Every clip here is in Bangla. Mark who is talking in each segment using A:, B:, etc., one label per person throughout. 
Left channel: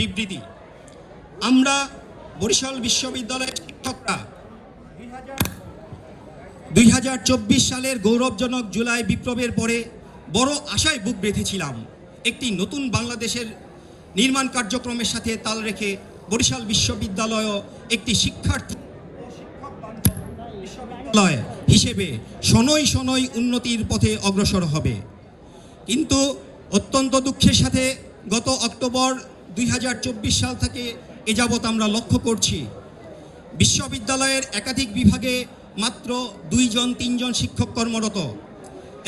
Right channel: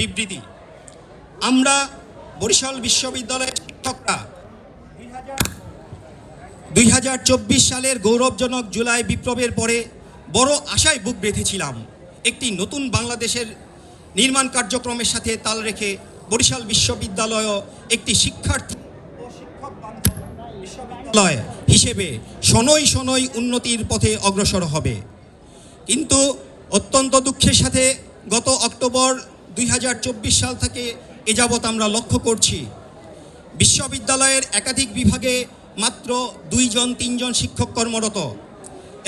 A: বিবৃতি। আমরা বরিশাল বিশ্ববিদ্যালয়ের শিক্ষকরা দুই হাজার চব্বিশ সালের গৌরবজনক জুলাই বিপ্লবের পরে বড় আশায় বুক বেঁধেছিলাম একটি নতুন বাংলাদেশের নির্মাণ কার্যক্রমের সাথে তাল রেখে বরিশাল বিশ্ববিদ্যালয় একটি শিক্ষার্থী বিশ্ববিদ্যালয় হিসেবে শনৈ শনৈ উন্নতির পথে অগ্রসর হবে। কিন্তু অত্যন্ত দুঃখের সাথে গত অক্টোবর দুই হাজার চব্বিশ সাল থেকে এ যাবৎ আমরা লক্ষ্য করছি, বিশ্ববিদ্যালয়ের একাধিক বিভাগে মাত্র দুইজন, তিনজন শিক্ষক কর্মরত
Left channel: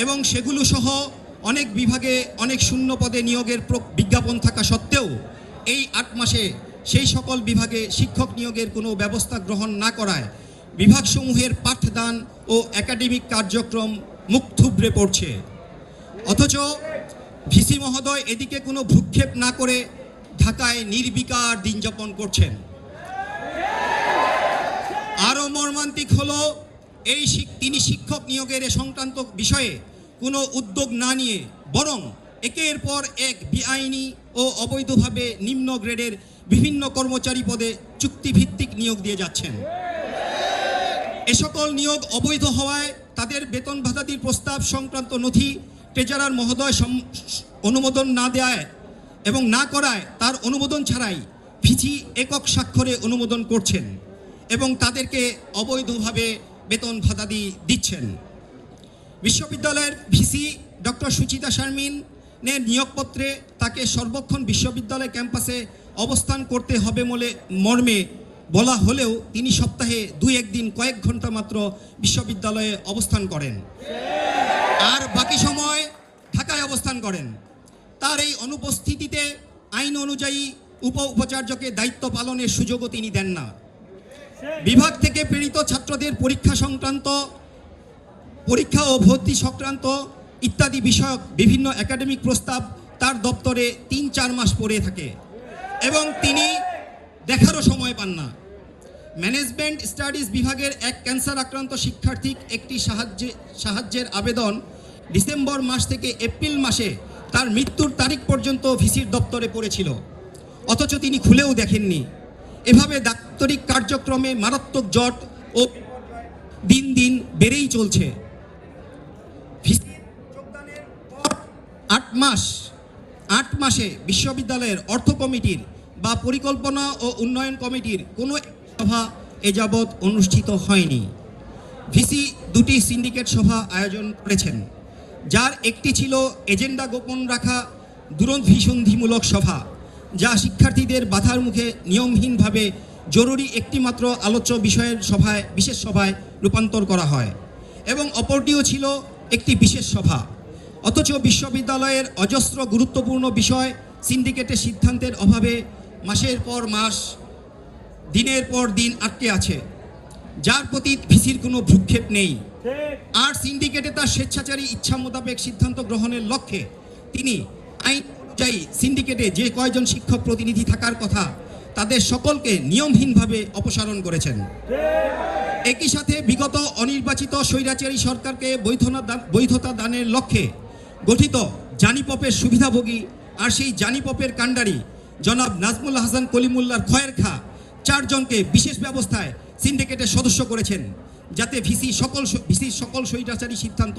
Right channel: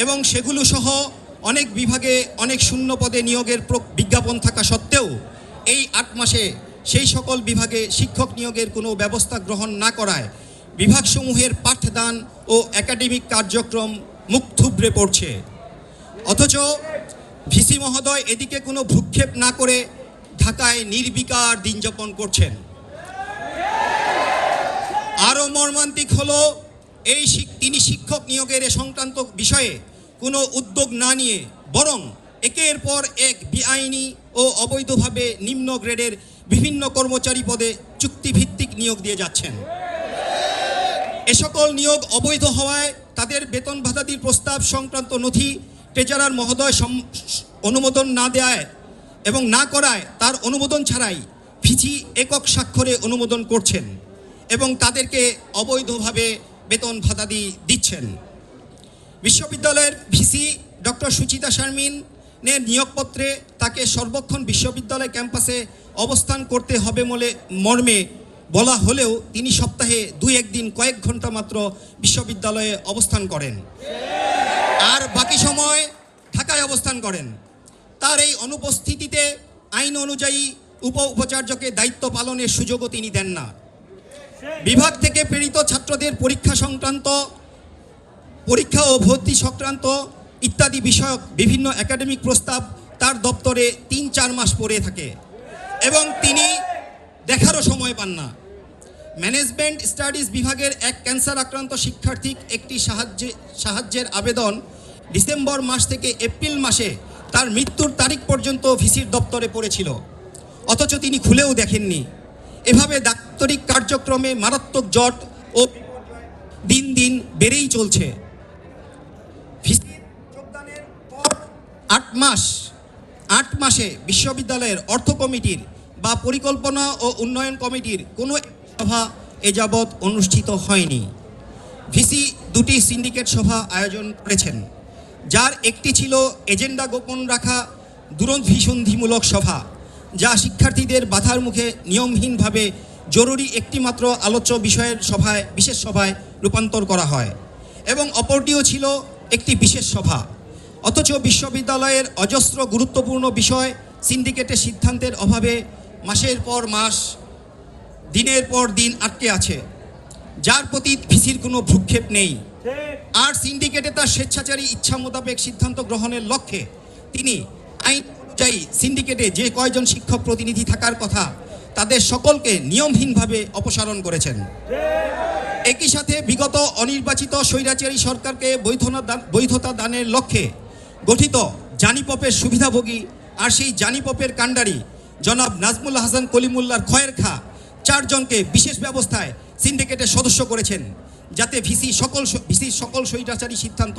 A: এবং সেগুলো সহ অনেক বিভাগে অনেক শূন্য পদে নিয়োগের বিজ্ঞাপন থাকা সত্ত্বেও এই আট মাসে সেই সকল বিভাগে শিক্ষক নিয়োগের কোনো ব্যবস্থা গ্রহণ না করায় বিভাগসমূহের পাঠদান ও একাডেমিক কার্যক্রম মুখ থুবড়ে পড়ছে। অথচ ভিসি মহোদয় এদিকে কোনো ভ্রুক্ষেপ না করে ঢাকায় নির্বিকার দিন যাপন করছেন। আরও মর্মান্তিক হলো, এই তিনি শিক্ষক নিয়োগের সংক্রান্ত বিষয়ে কোনো উদ্যোগ না নিয়ে বরং একের পর এক বেআইনি ও অবৈধভাবে নিম্ন গ্রেডের বিভিন্ন কর্মচারী পদে চুক্তিভিত্তিক নিয়োগ দিয়ে যাচ্ছেন। এ সকল নিয়োগ অবৈধ হওয়ায় তাদের বেতন ভাতাদির প্রস্তাব সংক্রান্ত নথি, ট্রেজারার মহোদয় অনুমোদন না দেয় এবং না করায় তার অনুমোদন ছাড়াই ভিসি একক স্বাক্ষরে অনুমোদন করছেন এবং তাদেরকে অবৈধভাবে বেতন ভাতাদি দিচ্ছেন। বিশ্ববিদ্যালয়ের ভিসি ডক্টর সুচিতা শারমিনের নিয়োগপত্রে তাকে সর্বক্ষণ বিশ্ববিদ্যালয় ক্যাম্পাসে অবস্থান করতে হবে বলে মর্মে বলা হলেও তিনি সপ্তাহে দুই একদিন কয়েক ঘণ্টা মাত্র বিশ্ববিদ্যালয়ে অবস্থান করেন। আর বাকি সময় ঢাকায় অবস্থান করেন। তার এই অনুপস্থিতিতে আইন অনুযায়ী উপ উপাচার্যকে দায়িত্ব পালনের সুযোগও তিনি দেন না। বিভাগ থেকে প্রেরিত ছাত্রদের পরীক্ষা সংক্রান্ত, পরীক্ষা ও ভর্তি সংক্রান্ত ইত্যাদি বিষয়ক বিভিন্ন একাডেমিক প্রস্তাব তার দপ্তরে তিন চার মাস পড়ে থাকে এবং তিনি দেখারও সময় পান না। ম্যানেজমেন্ট স্টাডিজ বিভাগের এক ক্যান্সার আক্রান্ত শিক্ষার্থীর একটি সাহায্যে, সাহায্যের আবেদন ডিসেম্বর মাস থেকে এপ্রিল মাসে তার মৃত্যুর তারিখ পর্যন্ত ভিসির দপ্তরে পড়েছিল। অথচ তিনি খুলেও দেখেননি। এভাবে দাপ্তরিক কার্যক্রমে মারাত্মক জট ও দিন দিন বেড়েই চলছে। আট মাস, আট মাসে বিশ্ববিদ্যালয়ের অর্থ কমিটির বা পরিকল্পনা ও উন্নয়ন কমিটির কোনো সভা এ যাবৎ অনুষ্ঠিত হয়নি। ভিসি দুটি সিন্ডিকেট সভা আয়োজন করেছেন। যার একটি ছিল এজেন্ডা গোপন রাখা দূরভিসন্ধিমূলক সভা, যা শিক্ষার্থীদের বাধার মুখে নিয়মহীনভাবে জরুরি একটি মাত্র আলোচ্য বিষয়ের সভায়, বিশেষ সভায় রূপান্তর করা হয় এবং অপরটিও ছিল একটি বিশেষ সভা। অথচ বিশ্ববিদ্যালয়ের অজস্র গুরুত্বপূর্ণ বিষয় সিন্ডিকেটের সিদ্ধান্তের অভাবে মাসের পর মাস, দিনের পর দিন আটকে আছে, যার প্রতি ভিসির কোনো ভ্রুক্ষেপ নেই। আর সিন্ডিকেটে তার স্বেচ্ছাচারী ইচ্ছা মোতাবেক সিদ্ধান্ত গ্রহণের লক্ষ্যে তিনি আইন অনুযায়ী সিন্ডিকেটে যে কয়জন শিক্ষক প্রতিনিধি থাকার কথা তাদের সকলকে নিয়মহীনভাবে অপসারণ করেছেন। একই সাথে বিগত অনির্বাচিত স্বৈরাচারী সরকারকে বৈধতা দানের লক্ষ্যে গঠিত জানিপপের সুবিধাভোগী আর সেই জানিপপের কাণ্ডারি জনাব নাজমুল হাসান কলিমুল্লার খয়ের খা চারজনকে বিশেষ ব্যবস্থায় সিন্ডিকেটের সদস্য করেছেন। যাতে ভিসি সকল ভিসি সকল স্বৈরাচারী সিদ্ধান্ত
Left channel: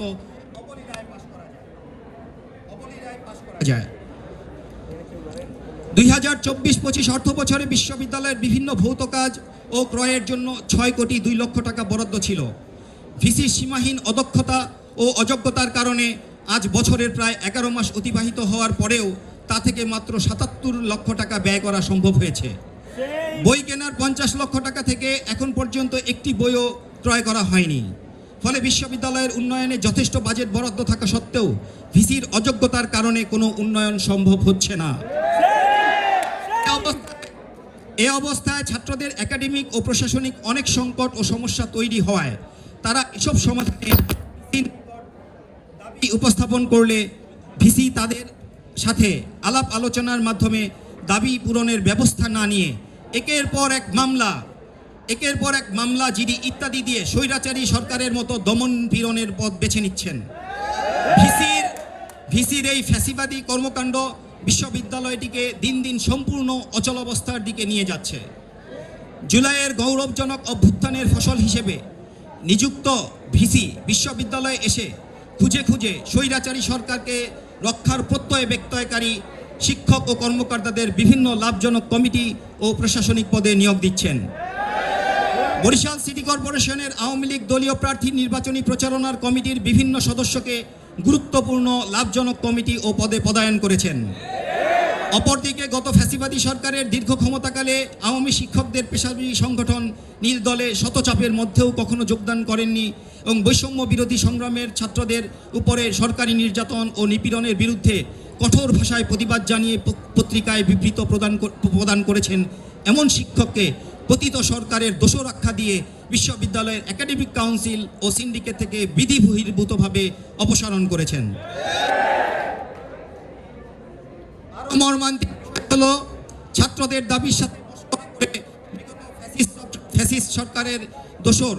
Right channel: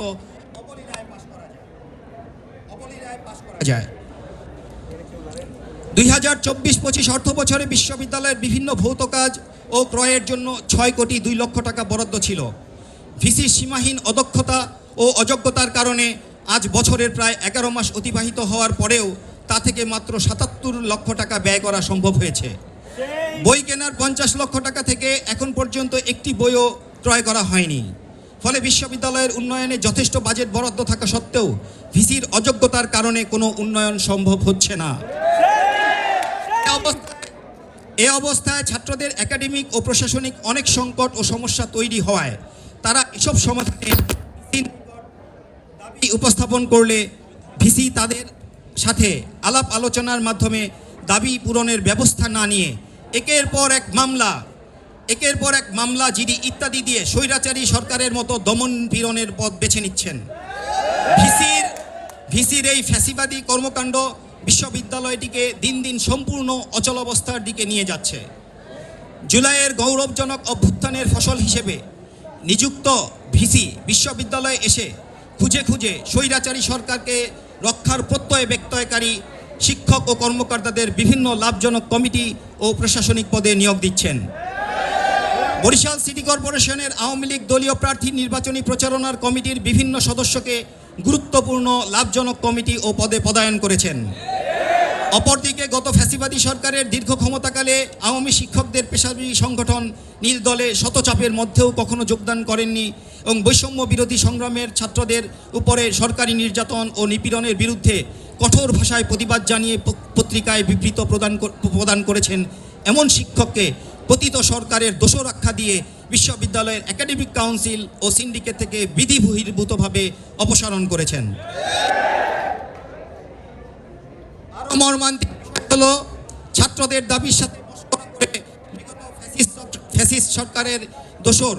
A: দুই হাজার চব্বিশ পঁচিশ অর্থ বছরে বিশ্ববিদ্যালয়ের বিভিন্ন ভৌত কাজ ও ক্রয়ের জন্য ছয় কোটি দুই লক্ষ টাকা বরাদ্দ ছিল। ভিসির সীমাহীন অদক্ষতা ও অযোগ্যতার কারণে আজ বছরের প্রায় এগারো মাস অতিবাহিত হওয়ার পরেও তা থেকে মাত্র সাতাত্তর লক্ষ টাকা ব্যয় করা সম্ভব হয়েছে। বই কেনার পঞ্চাশ লক্ষ টাকা থেকে এখন পর্যন্ত একটি বইও ক্রয় করা হয়নি। ফলে বিশ্ববিদ্যালয়ের উন্নয়নে যথেষ্ট বাজেট বরাদ্দ থাকা সত্ত্বেও ভিসির অযোগ্যতার কারণে কোনো উন্নয়ন সম্ভব হচ্ছে না। এ অবস্থায়- ছাত্রদের একাডেমিক ও প্রশাসনিক অনেক সংকট ও সমস্যা তৈরি হওয়ায় তারা এসব সমাধানে দাবি উপস্থাপন করলে ভিসি তাদের সাথে আলাপ আলোচনার মাধ্যমে দাবি পূরণের ব্যবস্থা না নিয়ে একের পর এক মামলা, একের পর এক মামলা জিডি ইত্যাদি দিয়ে স্বৈরাচারী সরকারের মতো দমন পীড়নের পথ বেছে নিচ্ছেন। ভিসির ভিসির এই ফ্যাসিবাদী কর্মকাণ্ড বিশ্ববিদ্যালয়টিকে দিন দিন সম্পূর্ণ অচলাবস্থার দিকে নিয়ে যাচ্ছে। জুলাইয়ের গৌরবজনক অভ্যুত্থানের ফসল হিসেবে নিযুক্ত ভিসি বিশ্ববিদ্যালয়ে এসে খুঁজে খুঁজে স্বৈরাচারী সরকারকে রক্ষার প্রত্যয় ব্যক্তয়কারী শিক্ষক ও কর্মকর্তাদের বিভিন্ন লাভজনক কমিটি ও প্রশাসনিক পদে নিয়োগ দিচ্ছেন। বরিশাল সিটি কর্পোরেশনের আওয়ামী লীগ দলীয় প্রার্থী নির্বাচনী প্রচারণার কমিটির বিভিন্ন সদস্যকে গুরুত্বপূর্ণ, লাভজনক কমিটি ও পদে পদায়ন করেছেন। অপরদিকে গত ফ্যাসিবাদী সরকারের দীর্ঘ ক্ষমতাকালে আওয়ামী শিক্ষকদের পেশাজীবী সংগঠন নীল দলে শতচাপের মধ্যেও কখনো যোগদান করেননি এবং বৈষম্য বিরোধী সংগ্রামের ছাত্রদের উপরে সরকারি নির্যাতন ও নিপীড়নের বিরুদ্ধে কঠোর ভাষায় প্রতিবাদ জানিয়ে পত্রিকায় বিবৃত প্রদান প্রদান করেছেন এমন শিক্ষককে পতিত সরকারের দোষরাক্ষা দিয়ে বিশ্ববিদ্যালয়ের একাডেমিক কাউন্সিল ও সিন্ডিকেট থেকে বিধি বহির্ভূতভাবে অপসারণ করেছেন। ছাত্রদের দাবির সাথে ফ্যাসিস্ট- সরকারের দোসর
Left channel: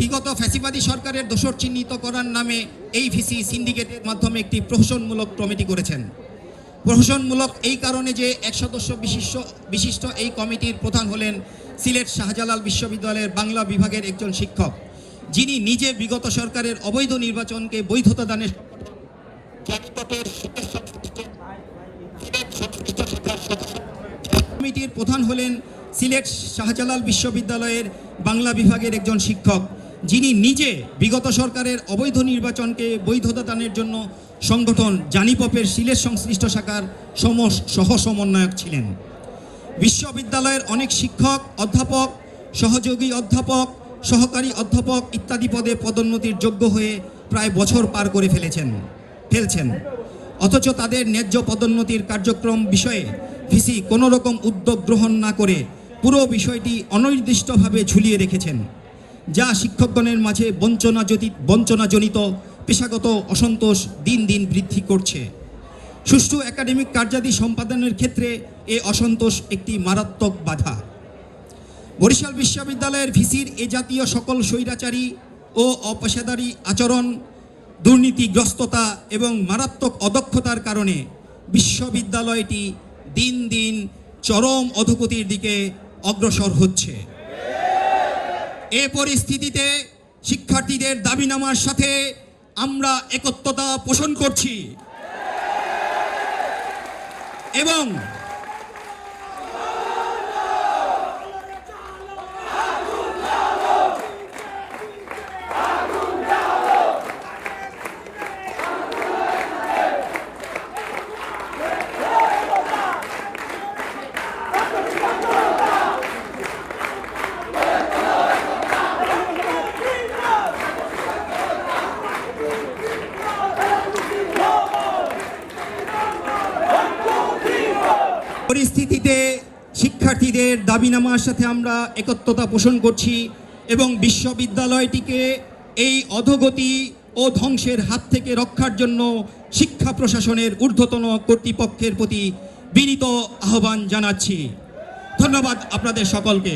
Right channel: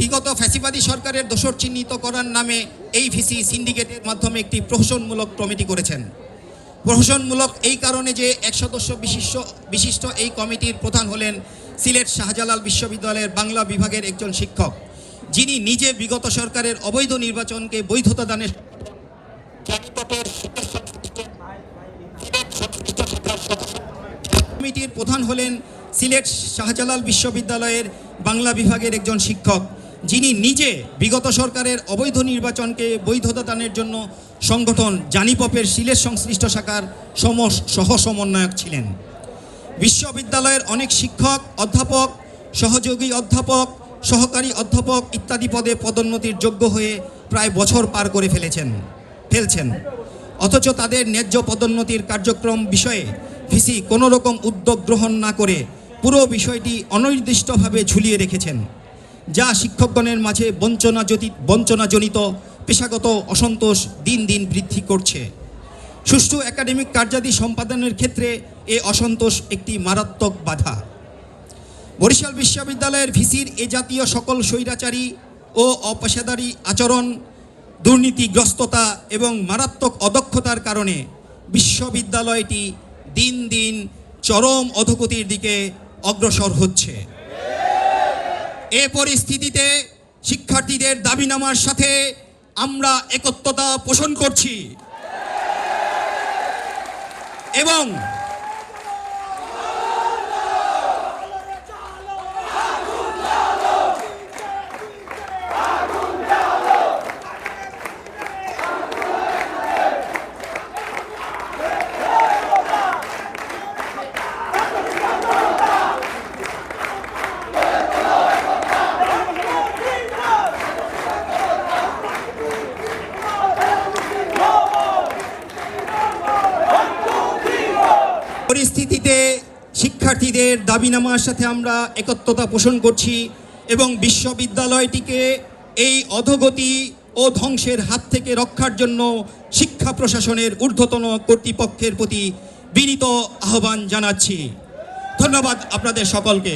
A: বিগত ফ্যাসিবাদী সরকারের দোষর চিহ্নিত করার নামে এই ভিসি সিন্ডিকেটের মাধ্যমে একটি প্রহসনমূলক কমিটি করেছেন। প্রহসনমূলক এই কারণে যে এক সদস্য বিশিষ্ট বিশিষ্ট এই কমিটির প্রধান হলেন সিলেট শাহজালাল বিশ্ববিদ্যালয়ের বাংলা বিভাগের একজন শিক্ষক। যিনি নিজে বিগত সরকারের অবৈধ নির্বাচনকে বৈধতা দানের কমিটির প্রধান হলেন সিলেট শাহজালাল বিশ্ববিদ্যালয়ের বাংলা বিভাগের একজন শিক্ষক। যিনি নিজে বিগত সরকারের অবৈধ নির্বাচনকে বৈধতা দানের জন্য সংগঠন জানিপপের সিলেট সংশ্লিষ্ট শাখার সম সহ সমন্বয়ক ছিলেন। বিশ্ববিদ্যালয়ের অনেক শিক্ষক, অধ্যাপক, সহযোগী অধ্যাপক, সহকারী অধ্যাপক ইত্যাদি পদে পদোন্নতির যোগ্য হয়ে প্রায় বছর পার করে ফেলেছেন, ফেলছেন। অথচ তাদের ন্যায্য পদোন্নতির কার্যক্রম বিষয়ে ভিসি কোনো রকম উদ্যোগ গ্রহণ না করে পুরো বিষয়টি অনির্দিষ্টভাবে ঝুলিয়ে রেখেছেন। যা শিক্ষকগণের মাঝে বঞ্চনাজনিত বঞ্চনাজনিত, পেশাগত অসন্তোষ দিন দিন বৃদ্ধি করছে। সুষ্ঠু একাডেমিক কার্যাদি সম্পাদনের ক্ষেত্রে এ অসন্তোষ একটি মারাত্মক বাধা। বরিশাল বিশ্ববিদ্যালয়ের ভিসির এ জাতীয় সকল স্বৈরাচারী ও অপেশাদারী আচরণ, দুর্নীতিগ্রস্ততা এবং মারাত্মক অদক্ষতার কারণে বিশ্ববিদ্যালয়টি দিন দিন চরম অধোগতির দিকে অগ্রসর হচ্ছে। এ পরিস্থিতিতে শিক্ষার্থীদের দাবিনামার সাথে আমরা একত্রতা পোষণ করছি। এবং পরিস্থিতিতে শিক্ষার্থীদের দাবিনামার সাথে আমরা একত্রতা পোষণ করছি এবং বিশ্ববিদ্যালয়টিকে এই অধগতি ও ধ্বংসের হাত থেকে রক্ষার জন্য শিক্ষা প্রশাসনের ঊর্ধ্বতন কর্তৃপক্ষের প্রতি বিনীত আহ্বান জানাচ্ছি। ধন্যবাদ আপনাদের সকলকে।